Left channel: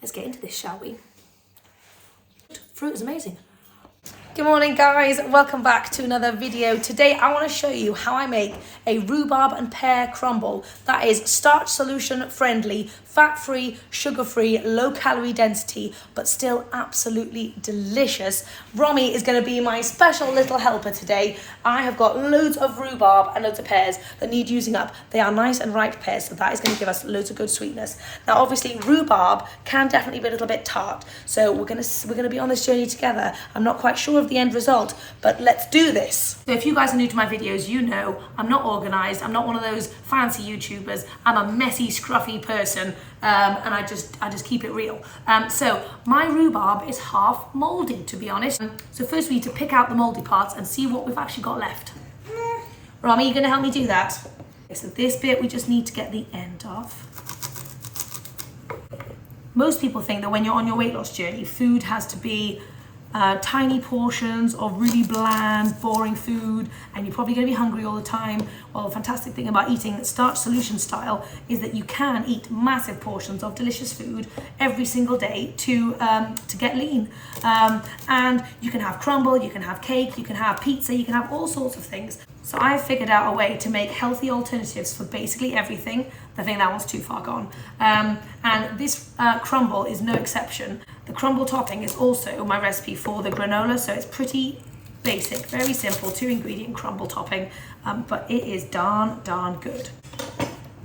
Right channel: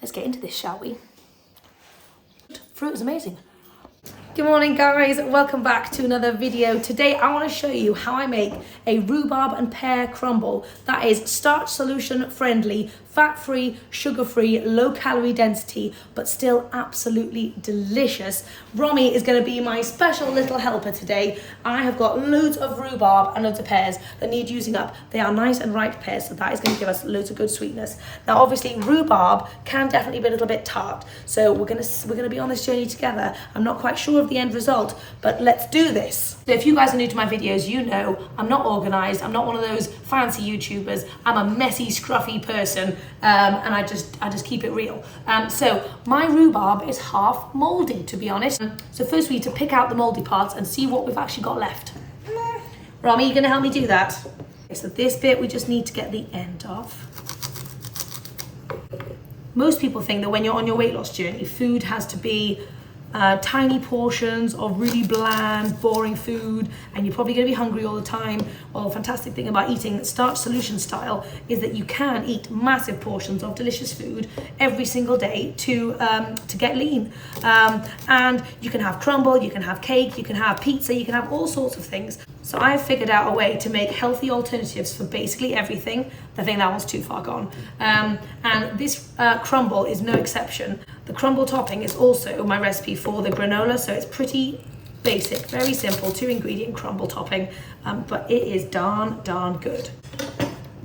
let's get into this, shall we? Fruit is amazing. Good morning, guys. Welcome back to another video. Today I want to show you how I make a rhubarb and pear crumble that is starch solution friendly, fat-free, sugar-free, low calorie density, but still absolutely delicious. Romy is going to be my special little helper today. I have got loads of rhubarb and loads of pears that need using up. They are nice and ripe pears, so that is going to give us loads of good sweetness. Now, obviously, rhubarb can definitely be a little bit tart, so we're gonna be on this journey together. I'm not quite sure of the end result, but let's do this. So if you guys are new to my videos, you know I'm not organized. I'm not one of those fancy YouTubers. I'm a messy, scruffy person, and I just keep it real. So my rhubarb is half moldy, to be honest. So first we need to pick out the moldy parts and see what we've actually got left. Romy, you gonna help me do that? Okay, so this bit we just need to get the end off. Most people think that when you're on your weight loss journey, food has to be tiny portions of really bland, boring food, and you're probably going to be hungry all the time. Well, the fantastic thing about eating starch solution style is that you can eat massive portions of delicious food every single day to get lean. And you can have crumble, you can have cake, you can have pizza, you can have all sorts of things. So I've figured out a way to make healthy alternatives for basically everything. I think that one's too far gone. And this crumble is no exception. The crumble topping is also my recipe for the granola, so it's pretty basic, very simple, 2-ingredient crumble topping, but it is darn good.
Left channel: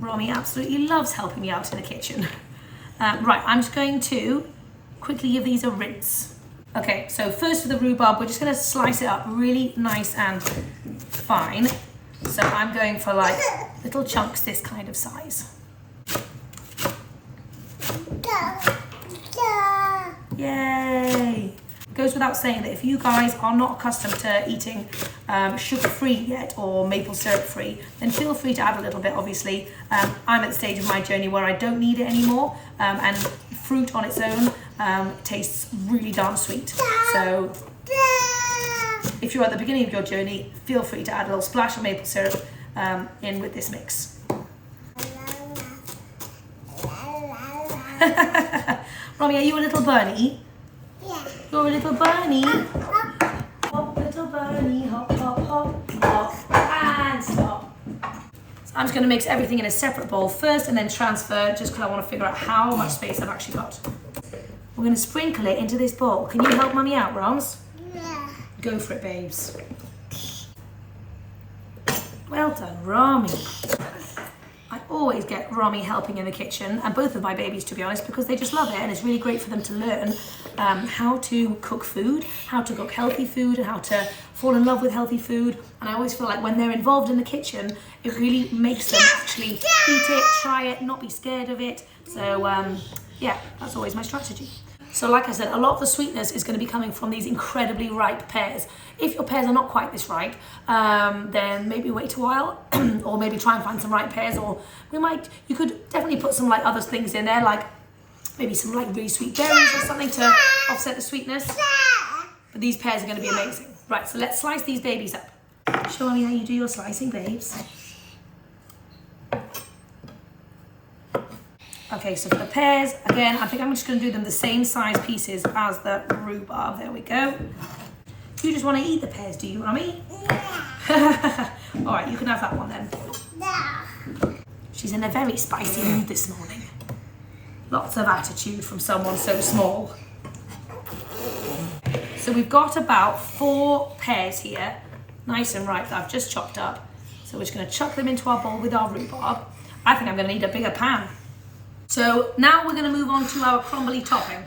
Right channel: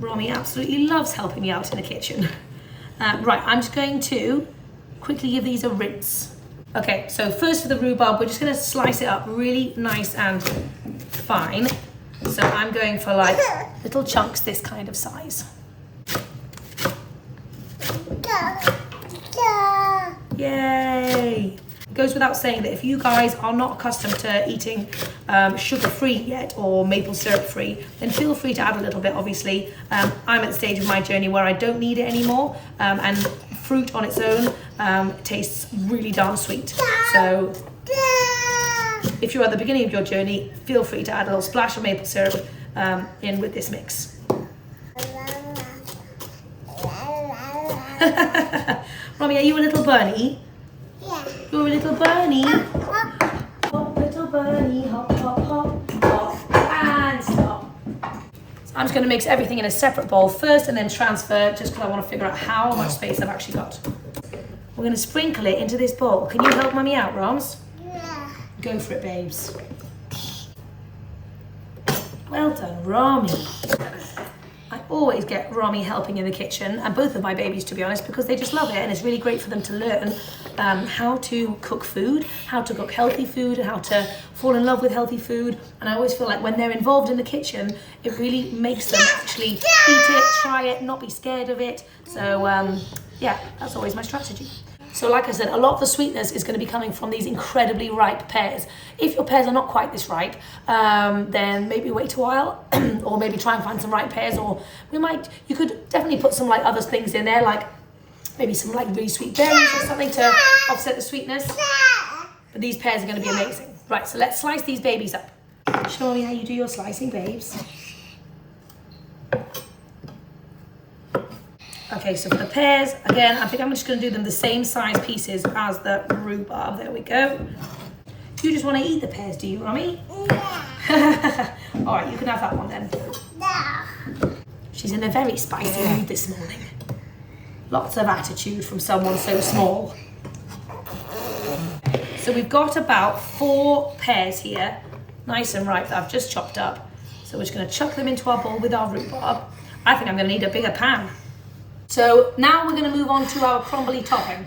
Romy absolutely loves helping me out in the kitchen. Right, I'm just going to quickly give these a rinse. Okay, so first for the rhubarb, we're just gonna slice it up really nice and fine. So I'm going for like little chunks this kind of size. Yay! It goes without saying that if you guys are not accustomed to eating sugar-free yet or maple syrup-free, then feel free to add a little bit, obviously. I'm at the stage of my journey where I don't need it anymore, and fruit on its own tastes really darn sweet. So if you're at the beginning of your journey, feel free to add a little splash of maple syrup in with this mix. Romy, are you a little bunny? Yeah. You're a little bunny. Hop, little bunny, hop, hop, hop, hop, and stop. So I'm just going to mix everything in a separate bowl first and then transfer, just because I want to figure out how much space I've actually got. We're going to sprinkle it into this bowl. Can you help Mummy out, Roms? Yeah. Go for it, babes. Well done, Romy. I always get Romy helping in the kitchen, and both of my babies, to be honest, because they just love it, and it's really great for them to learn how to cook food, how to cook healthy food, and how to fall in love with healthy food. And I always feel like when they're involved in the kitchen, it really makes them actually eat it, try it, not be scared of it. So yeah, that's always my strategy. So like I said, a lot of the sweetness is going to be coming from these incredibly ripe pears. If your pears are not quite this ripe, then maybe wait a while or maybe try and find some ripe pears, or you could definitely put some like other things in there, like maybe some like really sweet berries or something to offset the sweetness. But these pears are going to be amazing. Right, so let's slice these babies up. Show me how you do your slicing, babes. Okay, so for the pears, again, I think I'm just going to do them the same size pieces as the rhubarb. There we go. You just want to eat the pears, do you, Mummy? Yeah. All right, you can have that one then. No. She's in a very spicy mood this morning. Lots of attitude from someone so small. So we've got about 4 pears here, nice and ripe, that I've just chopped up. So we're just going to chuck them into our bowl with our rhubarb. I think I'm going to need a bigger pan. So now we're going to move on to our crumbly topping.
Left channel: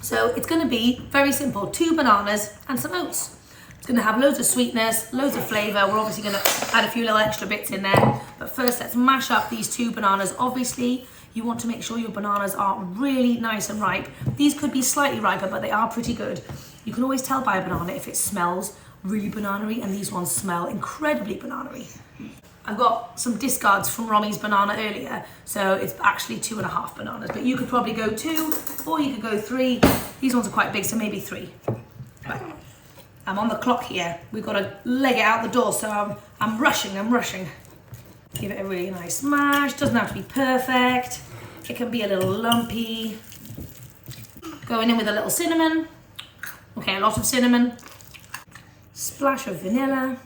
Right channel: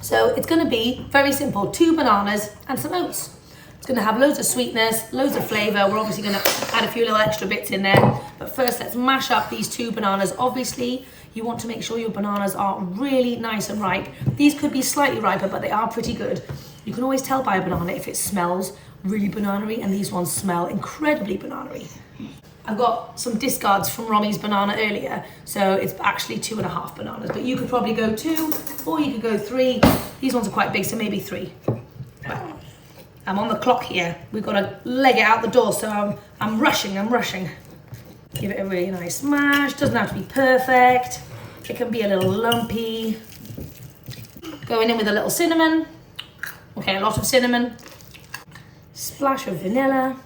So it's going to be very simple, 2 bananas and some oats. It's going to have loads of sweetness, loads of flavour. We're obviously going to add a few little extra bits in there. But first, let's mash up these 2 bananas. Obviously, you want to make sure your bananas are really nice and ripe. These could be slightly riper, but they are pretty good. You can always tell by a banana if it smells really banana-y, and these ones smell incredibly banana-y. I've got some discards from Romy's banana earlier, so it's actually 2.5 bananas, but you could probably go 2 or you could go 3. These ones are quite big, so maybe 3. Right. I'm on the clock here. We've got to leg it out the door, so I'm rushing. Give it a really nice smash. Doesn't have to be perfect. It can be a little lumpy. Going in with a little cinnamon. Okay, a lot of cinnamon. Splash of vanilla.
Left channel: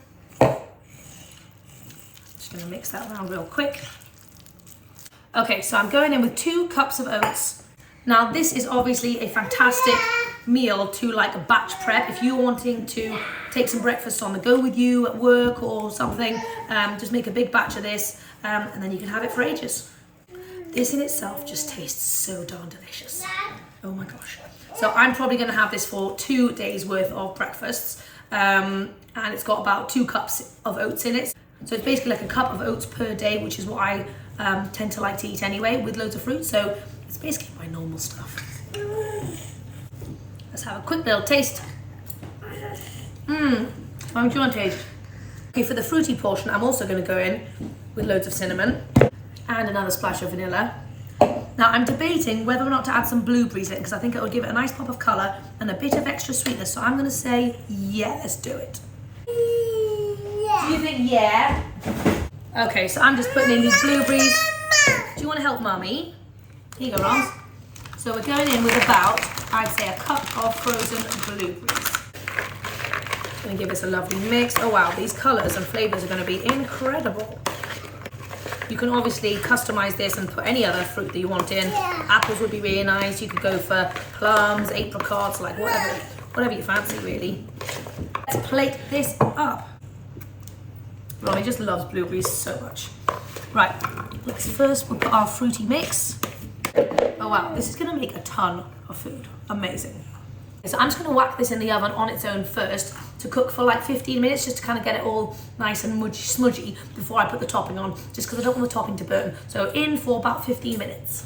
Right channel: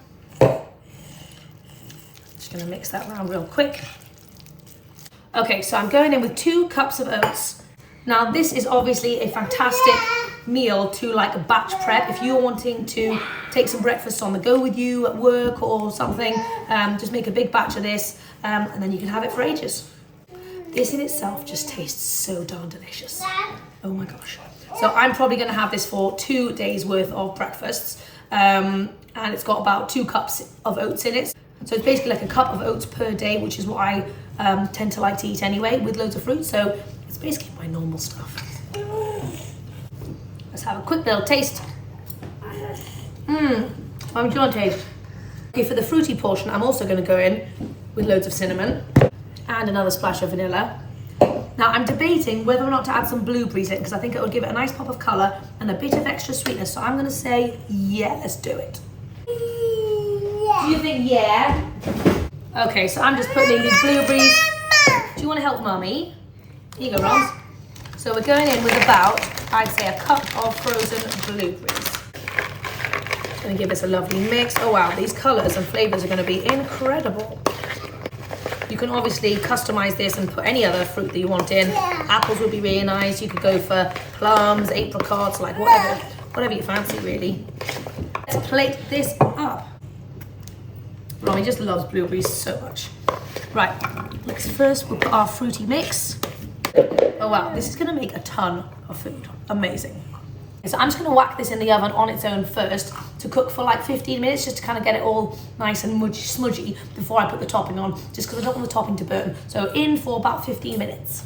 Just gonna mix that around real quick. Okay, so I'm going in with 2 cups of oats. Now this is obviously a fantastic meal to like batch prep. If you're wanting to take some breakfast on the go with you at work or something, just make a big batch of this and then you can have it for ages. This in itself just tastes so darn delicious. Oh my gosh. So I'm probably gonna have this for 2 days worth of breakfasts. And it's got about 2 cups of oats in it. So it's basically like a cup of oats per day, which is what I tend to like to eat anyway, with loads of fruit. So it's basically my normal stuff. Let's have a quick little taste. What do you want to taste? Okay, for the fruity portion, I'm also going to go in with loads of cinnamon and another splash of vanilla. Now I'm debating whether or not to add some blueberries in because I think it would give it a nice pop of colour and a bit of extra sweetness. So I'm going to say, yeah, let's do it. Do you think yeah? Okay, so I'm just putting in these blueberries. Do you want to help Mummy? Here you go, Ron. So we're going in with about, I'd say, a cup of frozen blueberries. Gonna give this a lovely mix. Oh wow, these colours and flavours are gonna be incredible. You can obviously customise this and put any other fruit that you want in. Apples would be really nice. You could go for plums, apricots, like whatever you fancy really. Let's plate this up. Romy just loves blueberries so much. Right, let's first we'll put our fruity mix. Oh wow, this is gonna make a ton of food. Amazing. So I'm just gonna whack this in the oven on its own first to cook for like 15 minutes just to kind of get it all nice and smudgy before I put the topping on, just because I don't want the topping to burn. So in for about 15 minutes.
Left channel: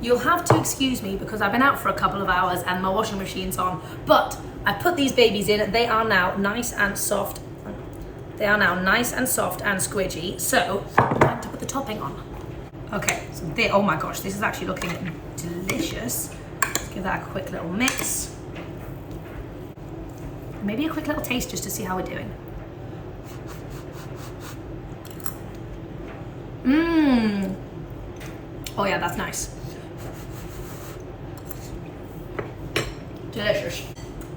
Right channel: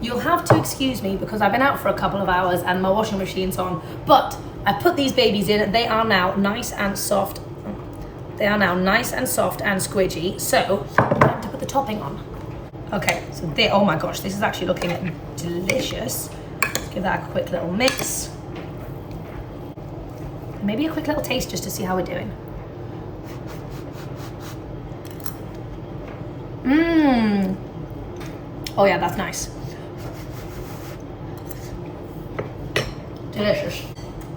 You'll have to excuse me because I've been out for a couple of hours and my washing machine's on, but I put these babies in. They are now nice and soft. They are now nice and soft and squidgy. So I'm going to put the topping on. Okay, so oh my gosh, this is actually looking delicious. Give that a quick little mix. Maybe a quick little taste just to see how we're doing. Oh yeah, that's nice. Delicious.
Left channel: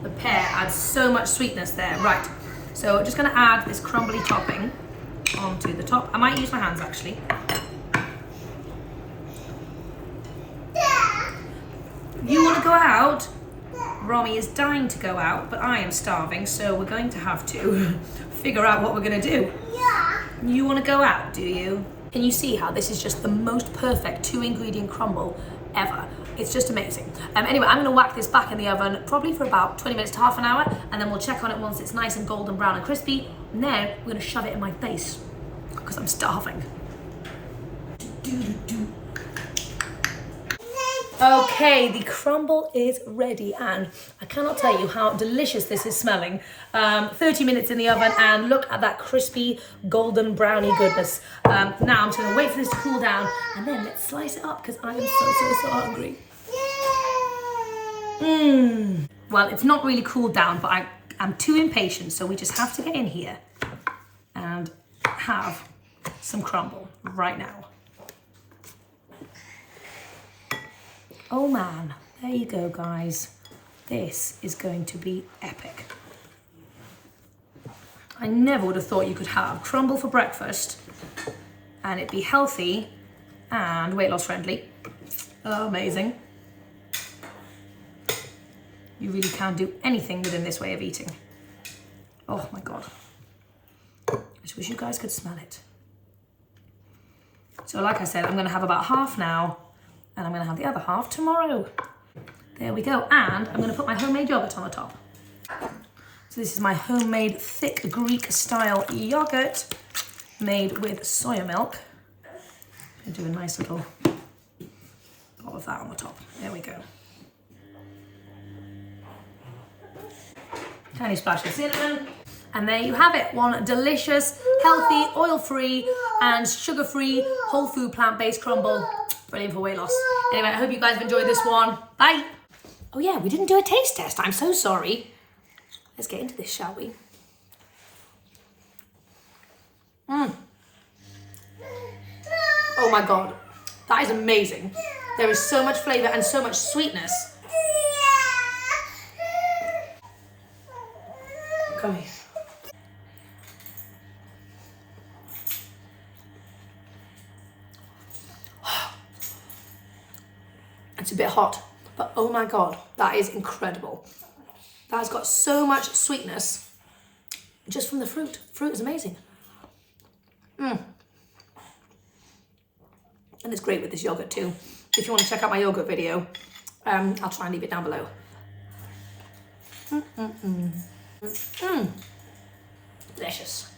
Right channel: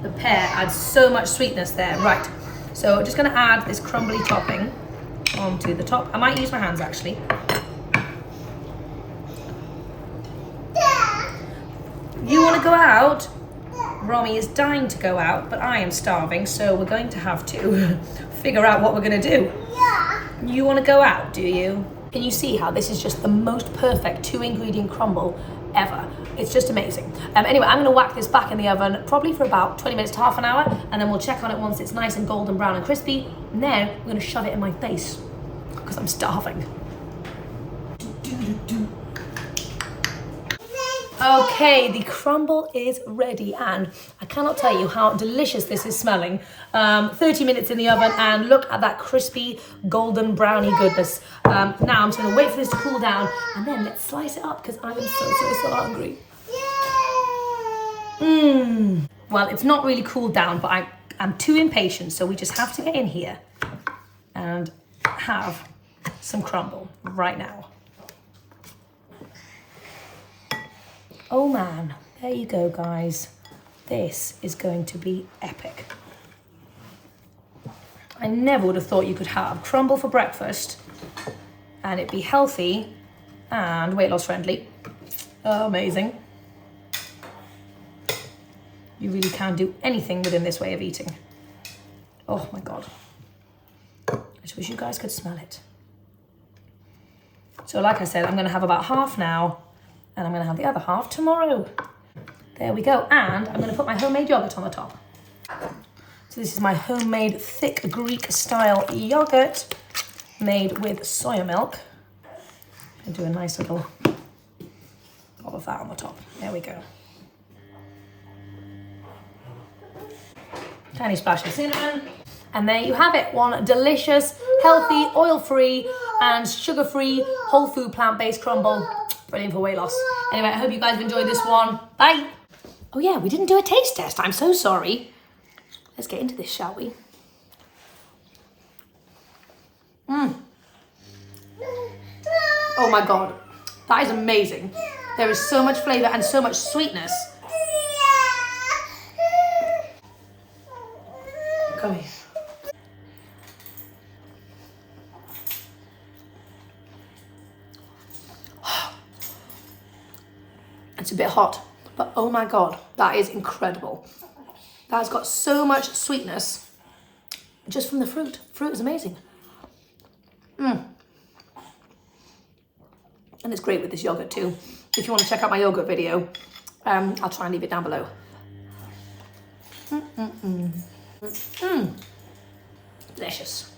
The pear adds so much sweetness there. Right, so I'm just gonna add this crumbly topping onto the top. I might use my hands actually. You want to go out? Romy is dying to go out, but I am starving, so we're going to have to figure out what we're going to do. Yeah. You want to go out, do you? Can you see how this is just the most perfect 2-ingredient crumble ever? It's just amazing. Anyway, I'm going to whack this back in the oven probably for about 20 minutes to half an hour, and then we'll check on it once it's nice and golden brown and crispy, and then we're going to shove it in my face because I'm starving. Okay, the crumble is ready and I cannot tell you how delicious this is smelling. 30 minutes in the oven and look at that crispy golden brownie goodness. Now I'm just gonna wait for this to cool down and then let's slice it up because I am so hungry. Well, it's not really cooled down, but I'm too impatient, so we just have to get in here and have some crumble right now. Oh man, there you go guys. This is going to be epic. I never would have thought you could have crumble for breakfast and it be healthy and weight loss friendly. Oh, amazing. You really can do anything within this way of eating. Oh my God. I just wish you guys could smell it. So like I said, I'm gonna have about half now and I'm gonna have the other half tomorrow. There we go. And I'm gonna put my homemade yogurt on the top. So this is my homemade thick Greek style yogurt made with soya milk. I'm gonna do a nice little dob of that on the top. There we go. Tiny splash of cinnamon. And there you have it. One delicious, healthy, oil-free and sugar-free, whole food, plant-based crumble. Brilliant for weight loss. Anyway, I hope you guys have enjoyed this one. Bye. Oh yeah, we didn't do a taste test. I'm so sorry. Let's get into this, shall we? Oh my God, that is amazing. There is so much flavor and so much sweetness. Come here. It's a bit hot, but oh my God, that is incredible. That's got so much sweetness just from the fruit. Fruit is amazing. And it's great with this yogurt too. If you want to check out my yogurt video, I'll try and leave it down below. Delicious.